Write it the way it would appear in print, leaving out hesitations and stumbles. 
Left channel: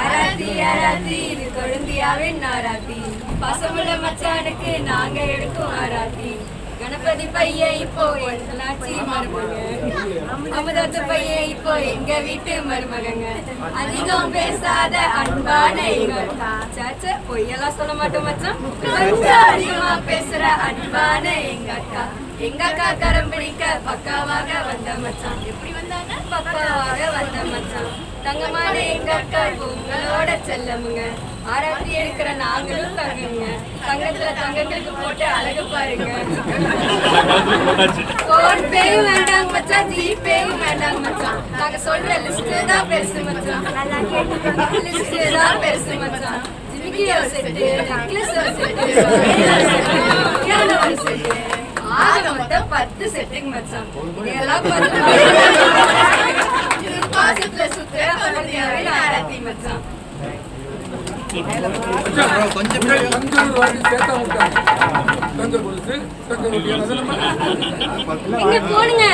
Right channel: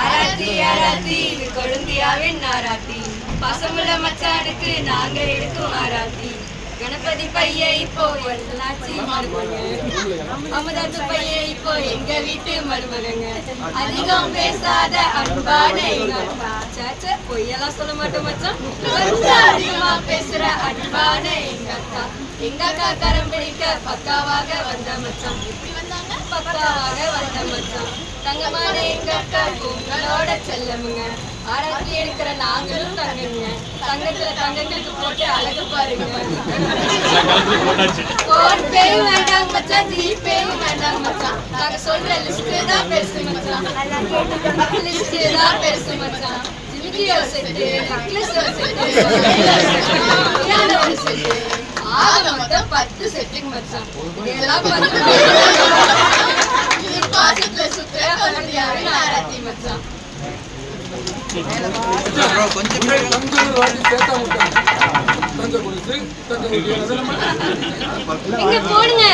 ஆராத்தி ஆராத்தி இது கொழுந்தியாவின் ஆராத்தி. பசமுள்ள மச்சானுக்கு நாங்க எடுக்கும் ஆராத்தி. கணபதி பைய இப்போ எல்லாச்சி மருமக, அமுதாத்து பைய இப்போ எங்க வீட்டு மருமகங்க. அதிகம் பேசாத அன்பான எங்க அக்கா. சாச்சா பொய்யெல்லாம் சொல்ல மாட்டோம் மச்சான், கொஞ்சம் அதிகமா பேசுற அன்பான எங்க அக்கா. எங்க அக்கா கரம் பிடிக்க பக்காவாக வந்த மச்சான், பக்காவாக வந்த மச்சான். தங்கமான எங்க அக்கா உங்களோட செல்லமுங்க. ஆரத்தி எடுக்கிற நாங்களும் தங்கங்க. தங்கத்துல தங்கத்துக்கு போட்டு அழகு பாருங்க. போன் பேயும் வேண்டாம் மச்சான், ஜிபேயும் வேண்டாம் மச்சான். நாங்க சொல்ற லிஸ்ட் தான் பெருசு மச்சான், லிஸ்ட் தான் பெருசு மச்சான். ஜிமிக்கியோ set, necklace set, piano set, ஆக மொத்தம் 10 செட்டுங்க மச்சான். இதெல்லாம் 10 பாசத்துல சுத்துற கொழுந்தியாவின் ஆராத்தி மச்சான். போடுங்க.